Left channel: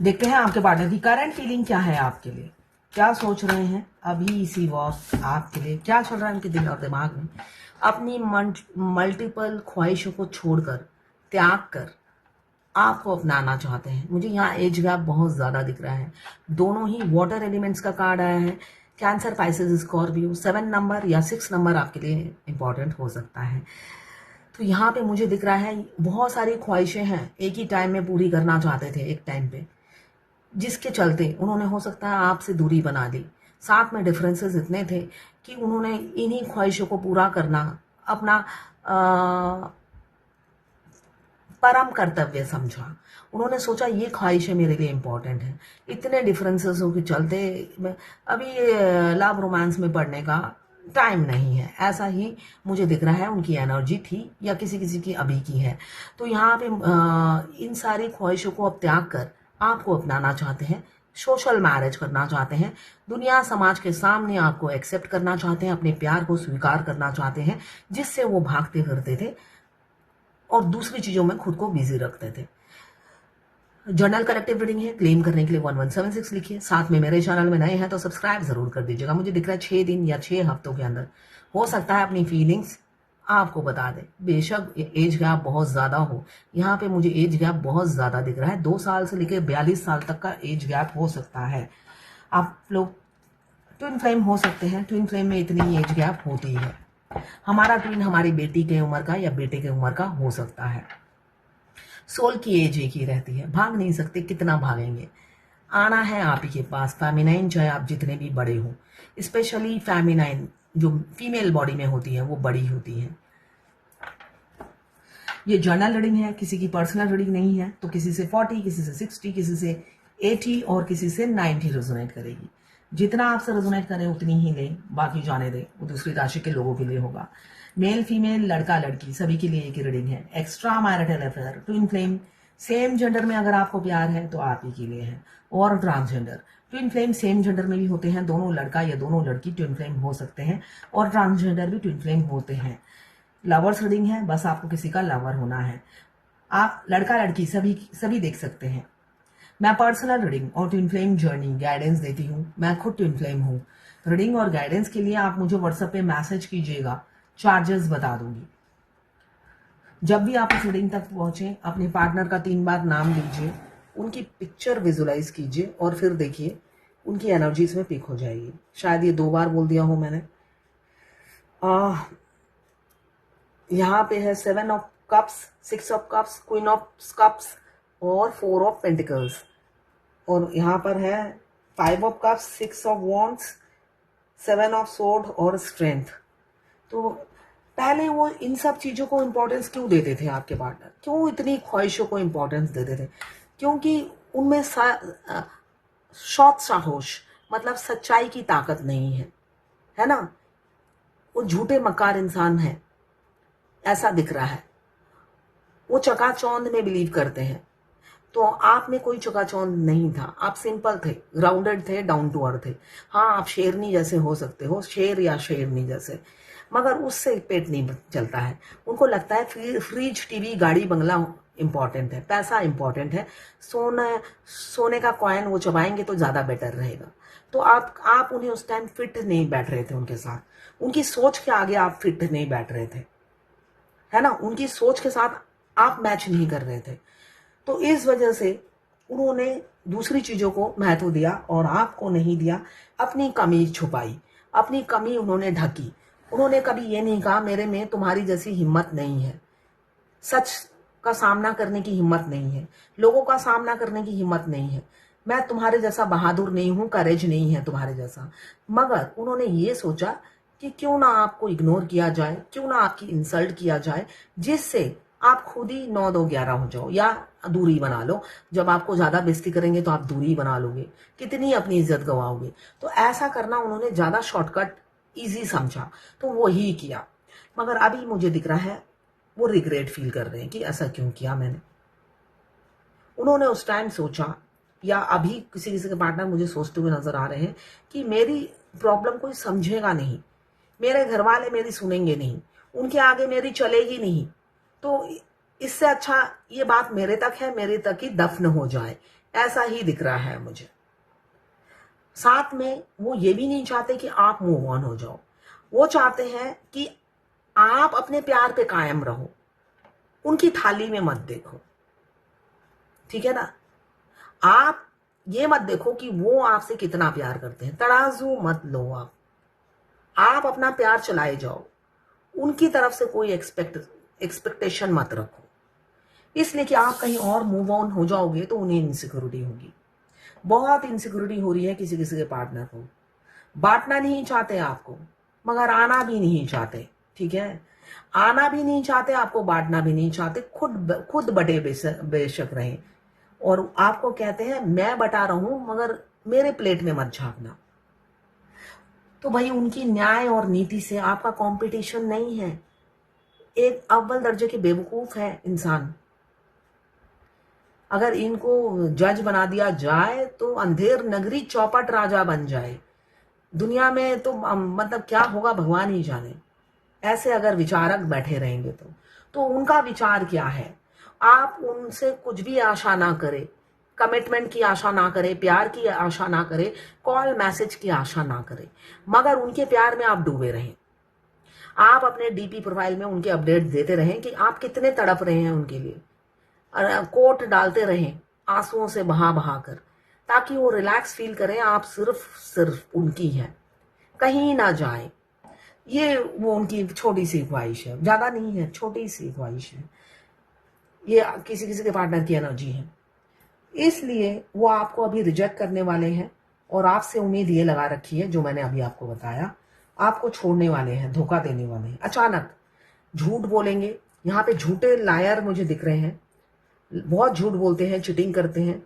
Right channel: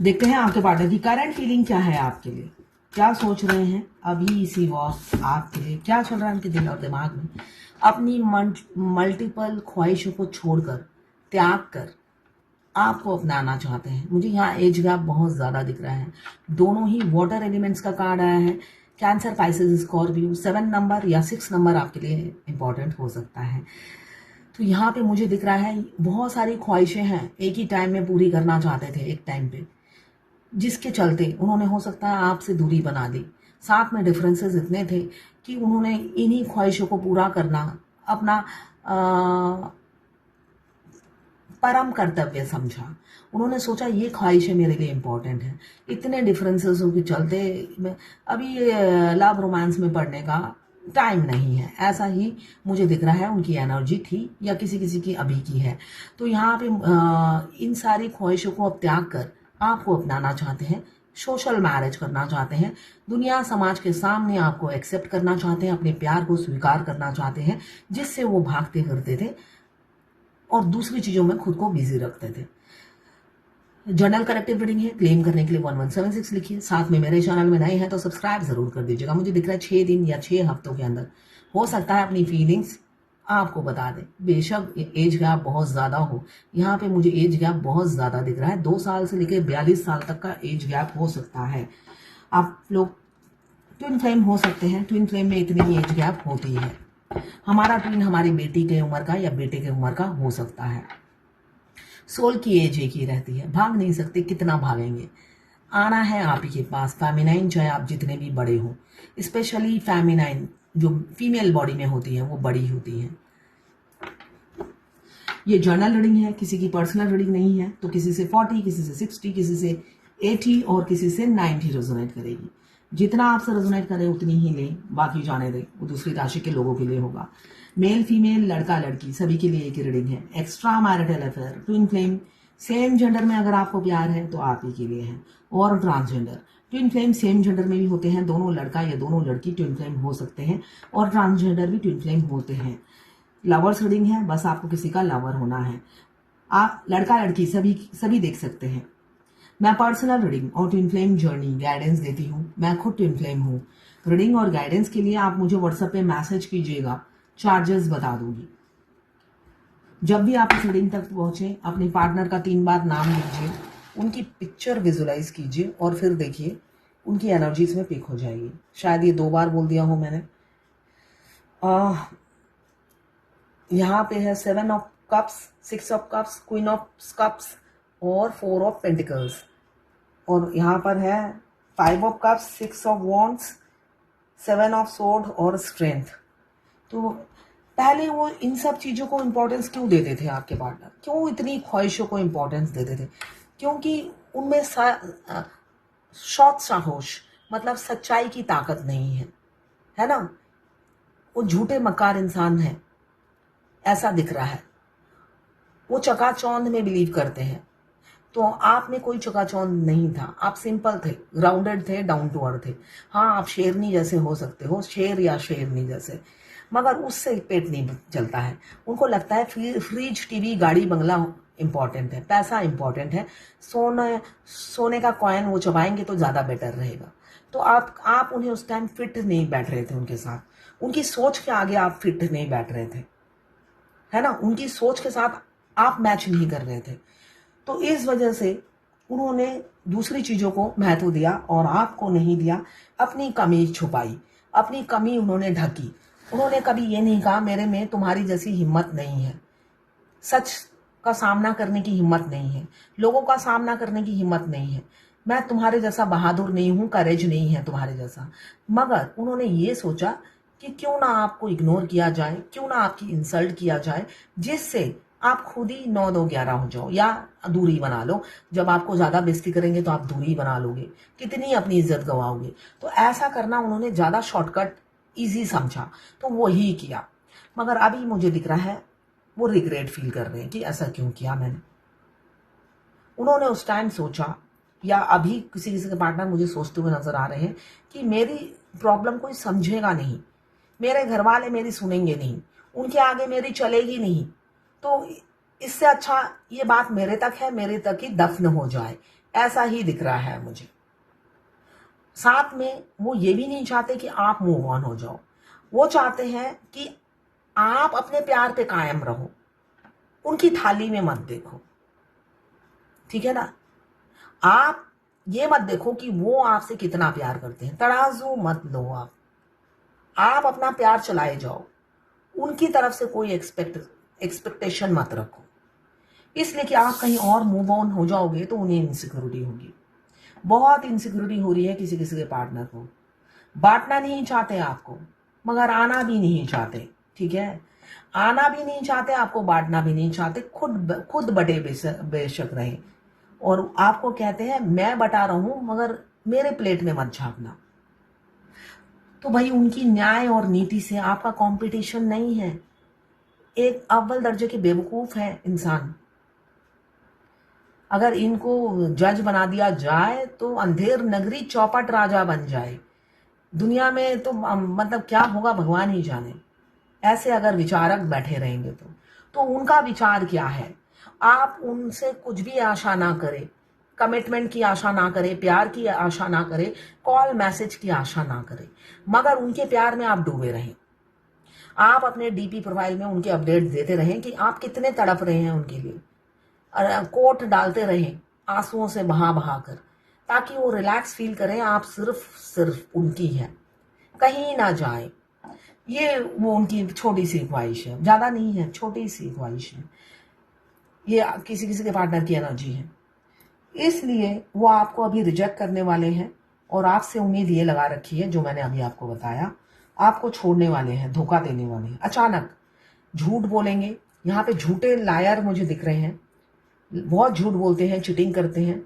देखते हैं आपके पार्टनर की करंट फीलिंग क्या है आपके लिए, क्या सोच रहे हैं अभी इसी वक्त आपके लिए, क्या चल रहा है उनके दिल और दिमाग में। अपनी मल्टीपल ख्वाहिशों को छोड़कर, त्याग कर आपको अपनाना चाहते हैं। मुझे यहाँ एज गैप बहुत ज्यादा दिख रहा है। दोनों ही वाटर एलिमेंट्स का कार्ड आया है। Cancer, Pisces, Scorpio. 7 नंबर या 6 नंबर आपके लिए इंपॉर्टेंट हो सकता है। तो यहाँ पे मुझे दिख रहा है बहुत सारी ख्वाहिशें हैं, एक ही टाइम में पूरी करना चाहते थे एक टाइम पे, जिसके चलते उन्होंने हो सकता है आपसे दूरी बना दी। साथ में डिफरेंसेस इतने थे कि उन्होंने इन्हीं ख्वाहिशों को पूरा करना अपना परम कर्तव्य समझा। उन्होंने सोचा ये ख्वाहिशें मेरे लिए इंपॉर्टेंट है। इतने डिफरेंसेस के चलते अभी लव रोमांस में पड़ने का टाइम नहीं है, ऐसा ही मुझे दिख रहा है। उनकी एनर्जी थी या किसी किसी की अभी की है। तो यहाँ पे इन सारी ख्वाहिशों को अब त्याग कर आपको अपनाना चाहते हैं, सोशल मैरिज करना चाहते हैं, दुनिया समाज के सामने आपको एक्सेप्ट करना चाहते हैं, अपने प्यार को स्वीकार करना चाहते हैं जिससे वो भागते फिरते थे और दूसरी चीजों में खुद को बिजी रखते थे। जनरल कलेक्टिव रीडिंग है। क्लेम करने के लिए 1176 लिखिए। साथ में मेरे चैनल में नए हैं तो सब्सक्राइब जरूर कर दीजिएगा। मुझे दिख रहा है 6 दिन या 6 हफ्तों के अंदर हो सकता है अपनी फीलिंग्स आपको बता दे। बेशक एज गैप बहुत ज्यादा हो, यहाँ पे मुझे एज गैप बहुत ज्यादा दिख रहा है। 2 साल से लेकर 42 साल तक का एज गैप हो सकता है। आप लोग ट्विन फ्लेम हो सकते हैं। ट्विन फ्लेम में इतनी एज गैप होती है। हमारा ट्विन हमारी बेटी की उम्र का या बेटे की उम्र का हो सकता है। सोल की एज एक ही रहती है, भाग नहीं सकते, कितना भागेंगे। आना है आप ही के पास। फेमिनाइन चाहे आप जितने भी बड़े हो, स्पेशली फेमिनाइन जो फीमेल बॉडी में होती है वो बड़ी होती है। ये जर्नल रीडिंग है, किसी की पर्सनल रीडिंग नहीं है। तो किसी से 40, किसी से 60, किसी से 80 और किसी से 90 रेजोनेट करेगी। जितना आपसे रेजोनेट करे उतनी ही ले, बाकी जाने दे, वो दूसरी राशि के लोगों के लिए होगा। मेल फीमेल, लड़का लड़की सभी के लिए एक ही रीडिंग है। Extra marital affair, twin flame, same gender में अगर आपको प्यार है तो आप ही के लिए है। और transgender, twin flame same gender में भी होते हैं, दोनों लड़का या दोनों लड़की ट्विन फ्लेम हो सकते हैं और ट्रांसजेंडर भी ट्विन फ्लेम होते हैं। लवर्स रीडिंग है, बस आपको किसी का लवर होना है। आप लड़का लड़की सभी सभी देख सकते हैं। मैं पर्सनल रीडिंग और ट्विन फ्लेम जर्नी गाइडेंस देती हूँ। मैं खुद ट्विन फ्लेम हूँ। रीडिंग और गाइडेंस के लिए आप मुझे व्हाट्सएप पे मैसेज कीजिएगा, चार्जेस बता दूंगी। जब भी आप इस रीडिंग तक पहुंचे, अपने पार्टनर का 3 बार नाम लीजिए, उनकी पिक्चर विजुलाइज कीजिए और फिर देखिए उनकी एनर्जीज में पिक हो जाएगी। शायद ये 2 बार बोल दिया हो मैंने। यहाँ पे है 7 of cups, 6 of cups, queen of cups और 4 ऑफ पेंटिकल्स। और यहाँ पर है 5 of cups, 6 of wands, 7 of sword और स्ट्रेंथ। तो पहले वो इन सब चीजों को इंपॉर्टेंस क्यों देते थे आपके पार्टनर, क्यों इतनी ख्वाहिशों को इंपॉर्टेंस देते थे? क्योंकि उनमें सौत साहोश मतलब सच्चाई की ताकत नहीं है ना। वो झूठे मक्कार इंसान है, ऐसा दिख रहा है। वो चकाचौंध में बिलीव करते हैं। तो आप में कोई चकाचौंध नहीं था, आप सिंपल थे, ग्राउंडेड थे, डाउन टू अर्थ थे। हाँ, आप शेरनी जैसे हो सकते हो, शेर या शेरनी जैसे, मगर उससे पेट नहीं चलता है। उनको लगता है फ्रिज, टीवी, गाड़ी, बंगला इंपॉर्टेंट है, पैसा इंपॉर्टेंट है। सोने का कॉइन वो चबाएंगे तो ज्यादा बेटर रहेगा। तो आप उन्हें उस टाइम फिट नहीं बैठ रहे थे उनके साथ। उनकी सोच के आगे आप फिट नहीं बैठ रहे थे, है ना। उनकी सोच के साथ आप मैच नहीं कर रहे थे। तो इस वजह से उन्होंने दूसरी चीजों को महत्व दिया और आपको नहीं दिया। अपनी कमी छुपाई, अपनी कमी उन्होंने ढकी। उन्होंने कभी ये नहीं कहा मेरे में तुम्हारी जैसी हिम्मत नहीं है, सच का सामना करने की हिम्मत नहीं है, लोगों का सामना करने की हिम्मत नहीं है, मैं तुम्हारे जैसा बहादुर नहीं हूं, करेज नहीं है तुम्हारे जैसा। मगर उन्होंने ये सोचा कि क्यों ना आपको इग्नोर किया जाए, क्यों ना आपकी इंसल्ट किया जाए, जिससे आप खुद ही 9-2-11 हो जाओ या दूरी बना लो। जब आपको ज्यादा बेइज्जती करेंगे तो आप दूरी बना लोगे, कितनी अपनी इज्जत गवाओगे। तो ऐसा करना उन्होंने ज्यादा शॉर्टकट इजी समझा, तो वो ही किया। मगर अभी मुझे दिख रहा है वो रिग्रेट फील कर रहे हैं कि ऐसा क्यों किया मैंने। उन्होंने उस टाइम सोचा, या अभी किसी किसी के पार्टनर मुझे सोचते हुए नजर आ रहे हैं कि मेरी प्रॉब्लम कोई समझेगा नहीं, मेरे घर वाले मेरी सुनेंगे नहीं, उनके आगे मेरी चलेगी नहीं। तो इससे अच्छा ये बात मेरे तक है, मेरे तक ही दफन हो जाए, ऐसा ही दिख रहा है मुझे। साथ में वो ये भी नहीं चाहते कि आप मूव ऑन हो जाओ, वो चाहते हैं कि आप अपने प्यार पे कायम रहो, उनकी थाली में मत देखो, ठीक है ना। आप ये मत देखो कि वो आपसे कितना प्यार करते हैं, तराजू मत लो आप अपना प्यार चलाए जाओ, उनकी तरफ से कोई एक्सपेक्टेशन मत रखो, इसलिए कि आप कहीं और मूव ऑन हो जाओगे तो उन्हें इनसिक्योरिटी होगी। बहुत इनसिक्योरिटी हो रही है किसी किसी के पार्टनर को, बांटना नहीं चाहते आपको, मगर आना भी नहीं चाहते, ठीक है। आना भी नहीं चाहते, आपको बांटना भी नहीं चाहते, खुद बटे बेशक रहे, और आपको कहते हैं मैं बता रहा हूं मगर मेरे प्लेट में मत झांकना। तो भाई उनकी न्याय और नीति से आपका कंपटीशन नहीं है, एक अव्वल दर्जे के बेवकूफ है इंसान। अगर इनको जज बना दिया जाए तो अंधेर नगरी चौपट राजा बन जाए, दुनिया में तो मतलब क्या होगा भगवान ही जाने। ऐसे अगर विचारक बैठे रहेंगे तो उनका विचार क्या है, आप उनसे कुछ भी आशा ना करें, कमिटमेंट की आशा ना करें, प्यार की आशा ना करें, कॉल मैसेज की आशा ना करें, मगर उनके प्यार में आप डूबे रहें। आप अपने डीपी प्रोफाइल में उनके अपडेट देते रहें कि आप कितने तड़प रहे हैं उनके लिए, कोट डालते रहें आंसुओं से बहा बहा कर, ताकि वो रिलैक्स फील करें आप सिर्फ उनकी है, कहीं ना जाए। ये वो उनकी छोटी सी ख्वाहिश है, ज्यादा नहीं है, छोटी सी ख्वाहिश है। ये किसी किसी के पार्टनर की एनर्जी है, इसलिए वो आपको अभी रिजेक्ट करने वाले हैं और आपसे उम्मीद ये लगा रखी है जो मैंने अभी आपको बताया, आपको छोड़ने वाले हैं, धोखा देने वाले हैं, अचानक झूठ बोलेंगे। यहाँ पे झूठे लायर मुझे दिख रहे हैं, बहुत झूठ बोलते हैं, चिटिंग करते हैं,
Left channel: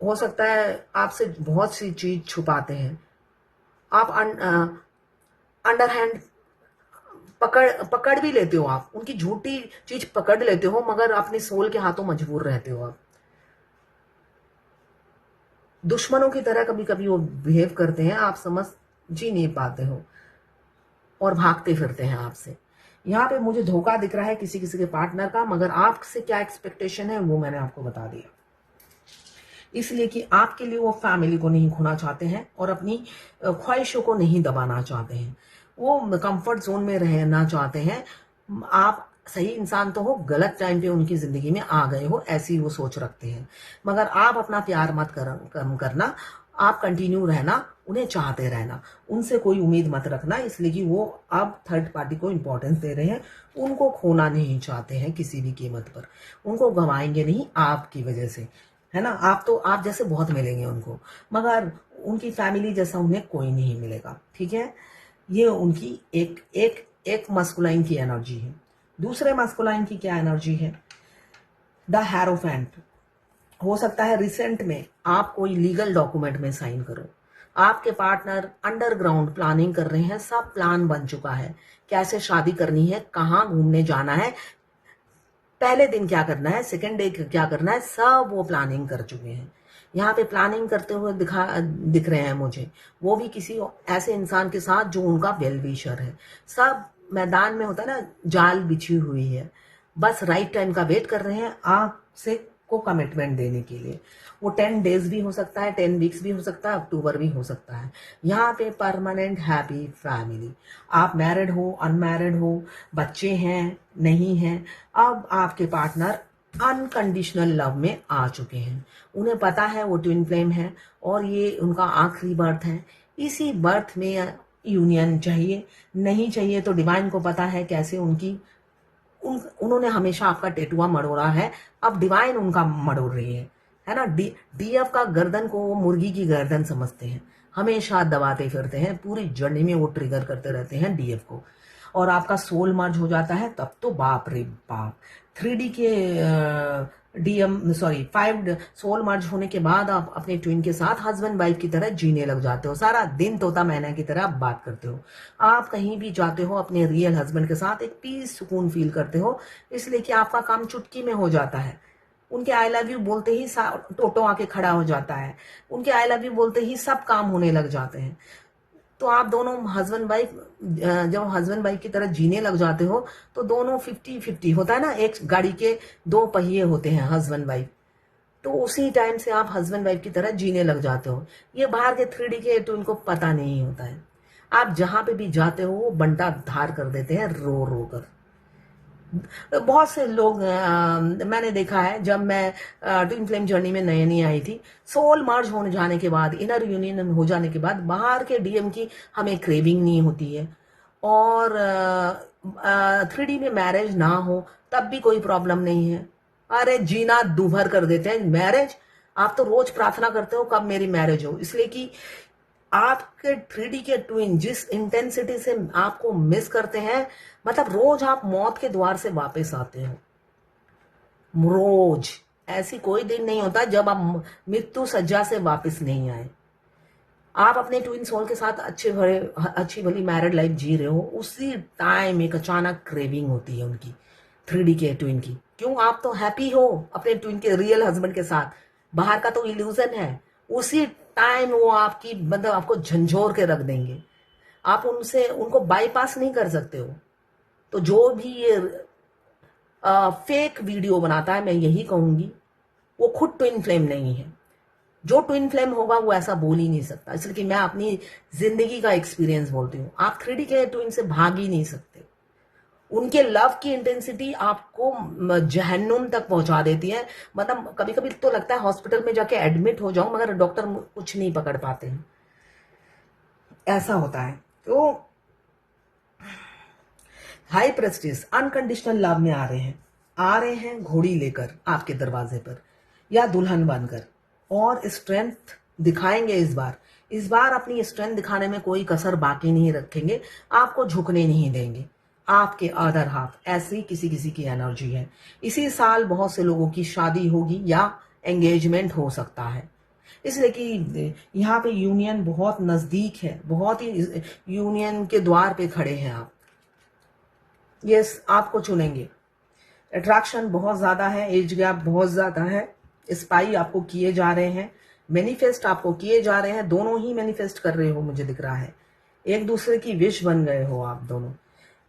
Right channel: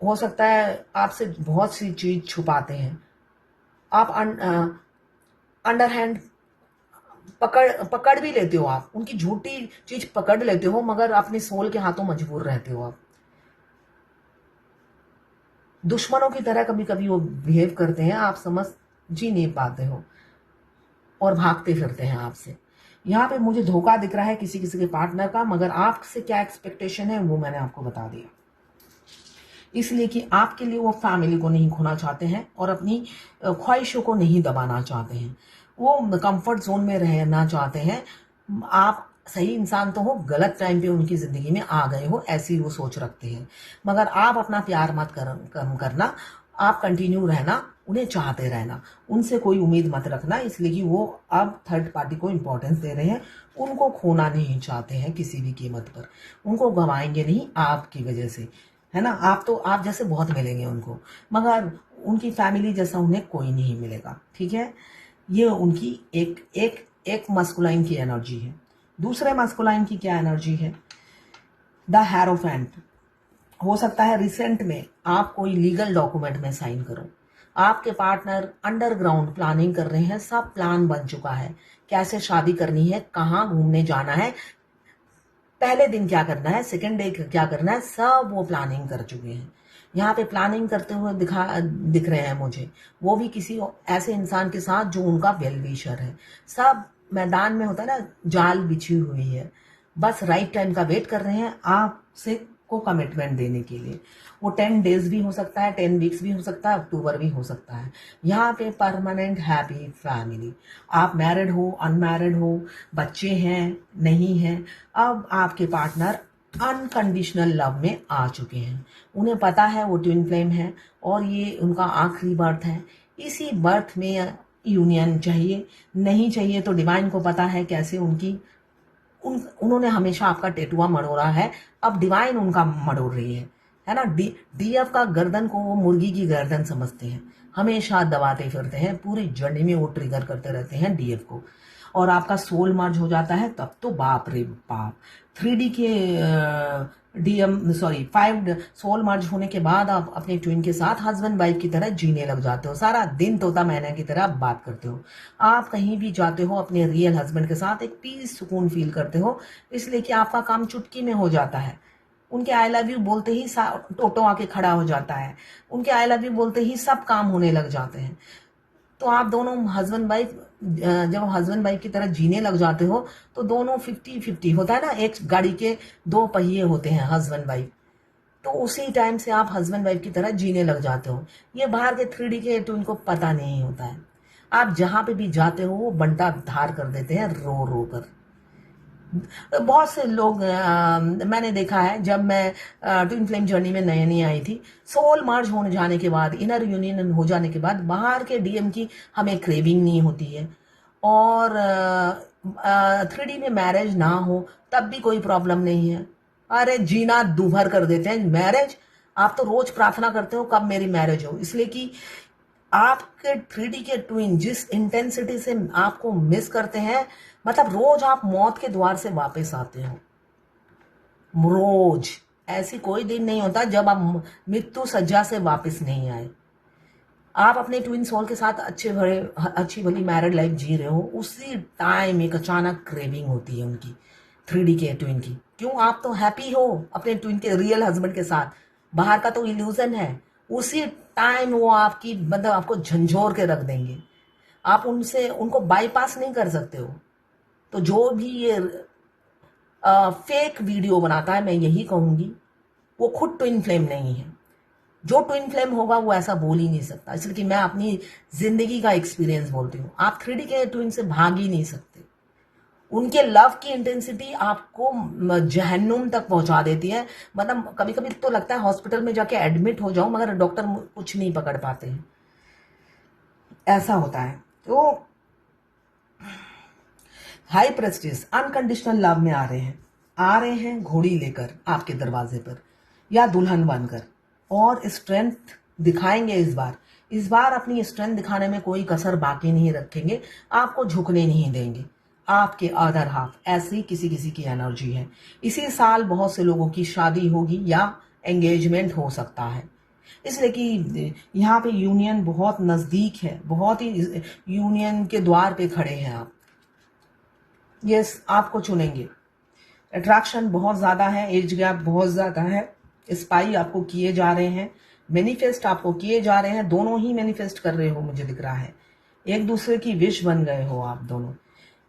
हो सकता है आपसे बहुत सी चीज छुपाते हैं। आप अंडर हैंड पकड़ भी लेते हो, आप उनकी झूठी चीज पकड़ लेते हो, मगर अपने सोल के हाथों मजबूर रहते हो। आप दुश्मनों की तरह कभी कभी वो बिहेव करते हैं, आप समझ जी नहीं पाते हो और भागते फिरते हैं आपसे। यहाँ पे मुझे धोखा दिख रहा है किसी किसी के पार्टनर का, मगर आपसे क्या एक्सपेक्टेशन है वो मैंने आपको बता दिया, इसलिए कि आपके लिए वो फैमिली को नहीं खोना चाहते हैं और अपनी ख्वाहिशों को नहीं दबाना चाहते हैं, वो कंफर्ट जोन में रहना चाहते हैं। आप सही इंसान तो हो, गलत टाइम पे उनकी जिंदगी में आ गए हो, ऐसी वो सोच रखते हैं, मगर आप अपना प्यार मत कम करना, आप कंटिन्यू रहना, उन्हें चाहते रहना, उनसे कोई उम्मीद मत रखना, इसलिए कि वो अब थर्ड पार्टी को इंपॉर्टेंस दे रहे हैं, उनको खोना नहीं चाहते हैं किसी भी कीमत पर, उनको गंवाएंगे नहीं आपकी वजह से, है ना। आप जैसे बहुत मिलेंगे उनको, मगर उनकी फैमिली जैसा उन्हें कोई नहीं मिलेगा, ठीक है। ये उनकी एक मस्कुलाइन की एनर्जी है। दूसरे मस्कुलाइन की क्या एनर्जी है, द हेरोफेंट। हो सकता है रिसेंट में आप कोई लीगल डॉक्यूमेंट में साइन करो, आपके पार्टनर अंडरग्राउंड प्लानिंग कर रहे हैं, सब प्लान बन चुका है, कैसे शादी करनी है, कहाँ घूमने जाना है, पहले दिन क्या करना है, सेकेंड डे क्या करना है, सब वो प्लानिंग कर चुके हैं। यहाँ पे प्लानिंग करते हुए दिख रहे हैं मुझे, वो भी किसी ऐसे इंसान के साथ जो उनका वेल विशर है। सब मैदान में होता है ना, जाल बिछी हुई है, बस राइट टाइम का वेट कर रहे हैं आपसे को कमिटमेंट देने के लिए। वो 10 डेज भी हो सकता है, 10 वीक्स भी हो सकता है, अक्टूबर भी हो सकता है। यहाँ पे परमानेंट हैप्पी फैमिली, आप मैरिड हो, अनमैरिड हो, बच्चे हैं नहीं हैं, अब आपके पार्टनर अनकंडीशनल लव में आ चुके हैं, उन्हें पता है वो ट्विन फ्लेम है और ये उनका आखिरी बर्थ है। इसी बर्थ में यूनियन चाहिए, नहीं चाहिए तो डिवाइन को पता है कैसे उन्होंने हमेशा आपका टेटुआ मरोड़ा है, अब डिवाइन उनका मरोड़ रही है ना। डीएफ का गर्दन को वो मुर्गी की गर्दन समझते हैं, हमेशा दबाते फिरते हैं, पूरी जर्नी में वो ट्रिगर करते रहते हैं डीएफ को, और आपका सोल मर्ज हो जाता है तब तो बाप रे बाप। 3D के सॉरी 5 सोल मर्ज होने के बाद आप अपने ट्विन के साथ हस्बैंड वाइफ की तरह जीने लग जाते हो, सारा दिन तोता मैना की तरह आप बात करते हो, आप कहीं भी जाते हो अपने रियल हस्बैंड के साथ एक पीस सुकून फील करते हो, इसलिए कि आपका काम चुटकी में हो जाता है। उनके आई लव यू बोलते ही टोटो आके खड़ा हो जाता है, उनके आई लव यू बोलते ही सब काम होने लग जाते हैं। तो आप दोनों हस्बैंड वाइफ जब हस्बैंड वाइफ की तरह जीने लग जाते हो तो दोनों 50-50 होता है ना, एक गाड़ी के 2 पहिए होते हैं हस्बैंड वाइफ, तो उसी टाइम से आप हस्बैंड वाइफ की तरह जीने लग जाते हो। ये बाहर के 3D के ट्विन को पता नहीं होता है। आप जहां पे भी जाते हो वो बंटा धार कर देते हैं रो रो कर। बहुत से लोग मैंने देखा है, जब मैं ट्विन फ्लेम जर्नी में नई नई आई थी, सोल मर्ज होने जाने के बाद, इनर यूनियन हो जाने के बाद बाहर के डीएम की हमें क्रेविंग नहीं होती है। और 3D में मैरिज ना हो तब भी कोई प्रॉब्लम नहीं है। अरे जीना दूभर कर देते हैं मैरिज। आप तो रोज प्रार्थना करते हो कब मेरी मैरिज हो, इसलिए कि आपके 3D के ट्विन जिस इंटेंसिटी से आपको मिस करते हैं, मतलब रोज आप मौत के द्वार से वापस आते हो। रोज ऐसी कोई दिन नहीं होता जब आप मृत्यु सज्जा से वापस नहीं आए। आप अपने ट्विन सोल के साथ अच्छी भली मैरिड लाइफ जी रहे हो, उसी टाइम एक अचानक क्रेविंग होती है उनकी, 3D के ट्विन की। क्यों? आप तो हैप्पी हो अपने ट्विन के रियल हस्बैंड के साथ, बाहर का तो इल्यूजन है। उसी टाइम वो आपकी मतलब आपको झंझोर के रख देंगे। आप उनको बाईपास नहीं कर सकते हो। तो जो भी ये फेक वीडियो बनाता है, मैं यही कहूंगी, वो खुद ट्विन फ्लेम नहीं है। जो ट्विन फ्लेम होगा वो ऐसा बोल ही नहीं सकता, इसलिए कि मैं अपनी जिंदगी का एक्सपीरियंस बोलती हूँ। आप 3D के ट्विन से भाग ही नहीं सकते। उनके लव की इंटेंसिटी आपको जहन्नुम तक पहुंचा देती है। मतलब कभी कभी तो लगता है हॉस्पिटल में जाके एडमिट हो जाऊं, मगर डॉक्टर कुछ नहीं पकड़ पाते हैं, ऐसा होता है। तो हाई प्रेस्टिज अनकंडीशनल लव में आ रहे हैं घोड़ी लेकर आपके दरवाजे पर या दुल्हन बनकर, और स्ट्रेंथ दिखाएंगे। इस बार अपनी स्ट्रेंथ दिखाने में कोई कसर बाकी नहीं रखेंगे, आपको झुकने नहीं देंगे। आपके अदर हाफ ऐसी किसी किसी की एनर्जी है। इसी साल बहुत से लोगों की शादी होगी या एंगेजमेंट हो सकता है, इसलिए कि यहाँ पे यूनियन बहुत नजदीक है, बहुत ही यूनियन के द्वार पे खड़े हैं आप। यस, आपको चुनेंगे। अट्रैक्शन बहुत ज्यादा है, एज गैप बहुत ज्यादा है, स्पाई आपको किए जा रहे हैं, मैनिफेस्ट आपको किए जा रहे हैं। दोनों ही मैनिफेस्ट कर रहे हो, मुझे दिख रहा है। एक दूसरे की विश बन गए हो आप दोनों।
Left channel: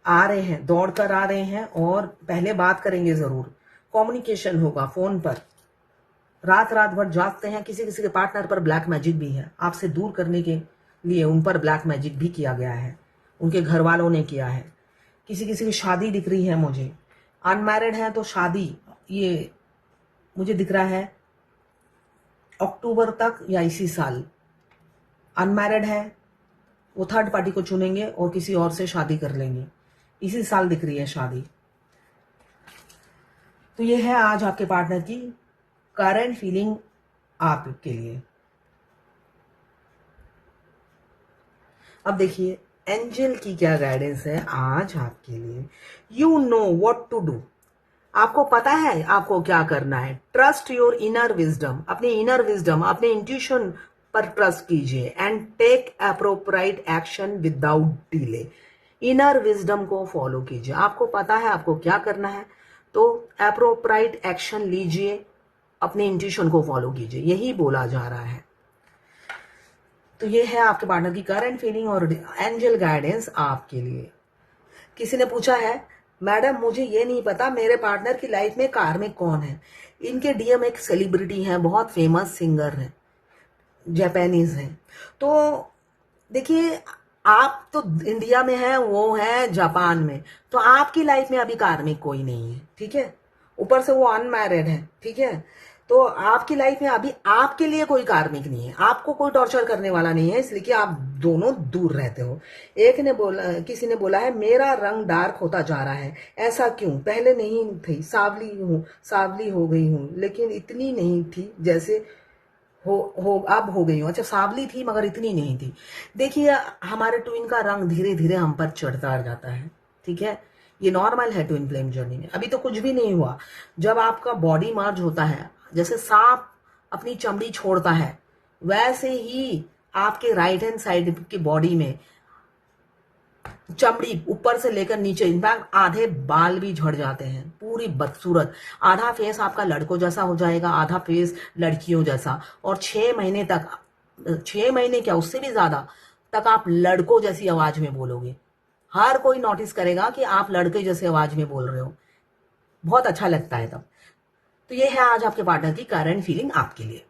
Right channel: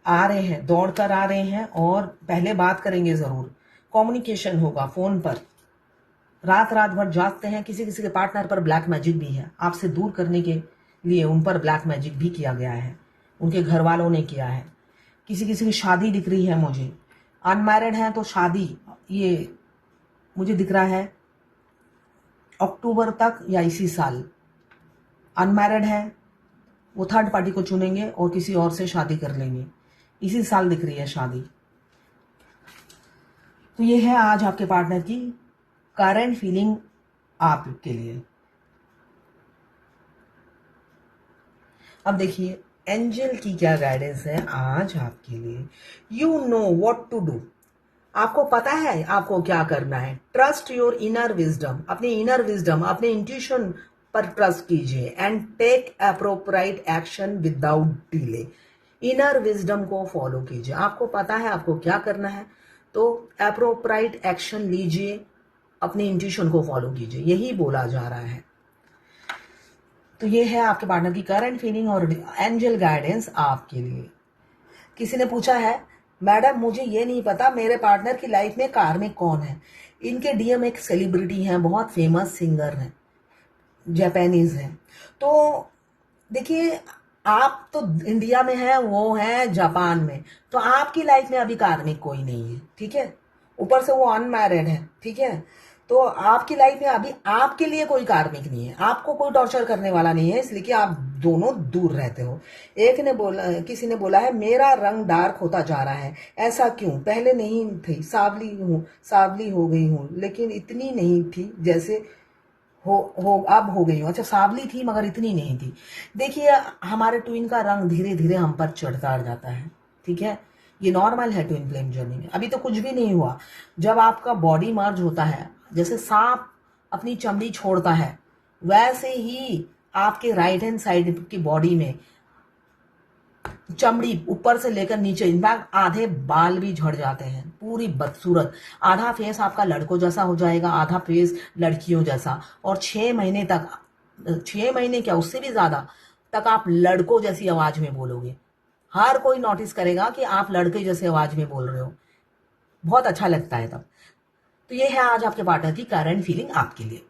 आ रहे हैं, दौड़कर आ रहे हैं, और पहले बात करेंगे जरूर। कम्युनिकेशन होगा फोन पर। रात रात भर जागते हैं। किसी किसी के पार्टनर पर ब्लैक मैजिक भी है, आपसे दूर करने के लिए उन पर ब्लैक मैजिक भी किया गया है, उनके घर वालों ने किया है। किसी किसी की शादी दिख रही है मुझे। अनमैरिड है तो शादी, ये मुझे दिख रहा है अक्टूबर तक या इसी साल। अनमैरिड है वो थर्ड पार्टी को चुनेंगे और किसी और से शादी कर लेंगे, इसी साल दिख रही है शादी। तो ये है आज आपके पार्टनर की करंट फीलिंग आपके लिए। अब देखिए एंजल की क्या गाइडेंस है आज आपके लिए। You know what to do. आपको पता है आपको क्या करना है। ट्रस्ट योर इनर विजडम, अपने इनर विजडम, अपने इंट्यूशन पर ट्रस्ट कीजिए and take appropriate action without delay. Inner wisdom को फॉलो कीजिए। आपको पता है आपको क्या करना है, तो अप्रोप्रिएट एक्शन लीजिए, अपने इंट्यूशन को फॉलो कीजिए, यही बोला जा रहा है। तो ये है आपके पार्टनर की करंट फीलिंग और एंजल गाइडेंस आपके लिए। किसी ने पूछा है, मैडम मुझे ये नहीं पता मेरे पार्टनर की लाइफ में कार्मिक कौन है। इनके डीएम एक सेलिब्रिटी हैं, बहुत फेमस सिंगर हैं, जापानीज हैं। तो देखिए आप तो इंडिया में हैं, वो है जापान में, तो आपकी लाइफ में अभी कार्मिक कोई नहीं है, ठीक है। ऊपर से वो अनमैरिड है, ठीक है। तो आपकी लाइफ में अभी आपके लिए कोई कार्मिक नहीं है, आपको कोई टॉर्चर करने वाला नहीं है, इसलिए कि आप दोनों दूर रहते हो। किसी ने बोला है मेरा रंग डार्क होता जा रहा है, ऐसा क्यों? पहले नहीं थी, सावली हो गई हूँ, लेकिन इतनी नहीं थी जैसे अब हो गई हूँ। अच्छा, सावली थी मगर इतनी नहीं थी। देखिए हमारे ट्विन का रंग धीरे धीरे हम पर चढ़ता जाता है, ठीक है। ये नॉर्मल है ट्विन फ्लेम जर्नी में, अभी तो कुछ भी नहीं हुआ। जब आपका बॉडी मर्ज होता है, जैसे सांप अपनी चमड़ी छोड़ता है, वैसे ही आपके राइट हैंड साइड की बॉडी में चमड़ी ऊपर से लेकर नीचे, इनफैक्ट आधे बाल भी झड़ जाते हैं, पूरी बदसूरत। आधा फेस आपका लड़कों जैसा हो जाएगा, आधा फेस लड़कियों जैसा। और 6 महीने तक, 6 महीने क्या उससे भी ज्यादा तक आप लड़कों जैसी आवाज में बोलोगे। हर कोई नोटिस करेगा कि आप लड़के जैसे आवाज में बोल रहे हो, बहुत अच्छा लगता है तब। तो ये है आज आपके पार्टनर की करंट फीलिंग आपके लिए।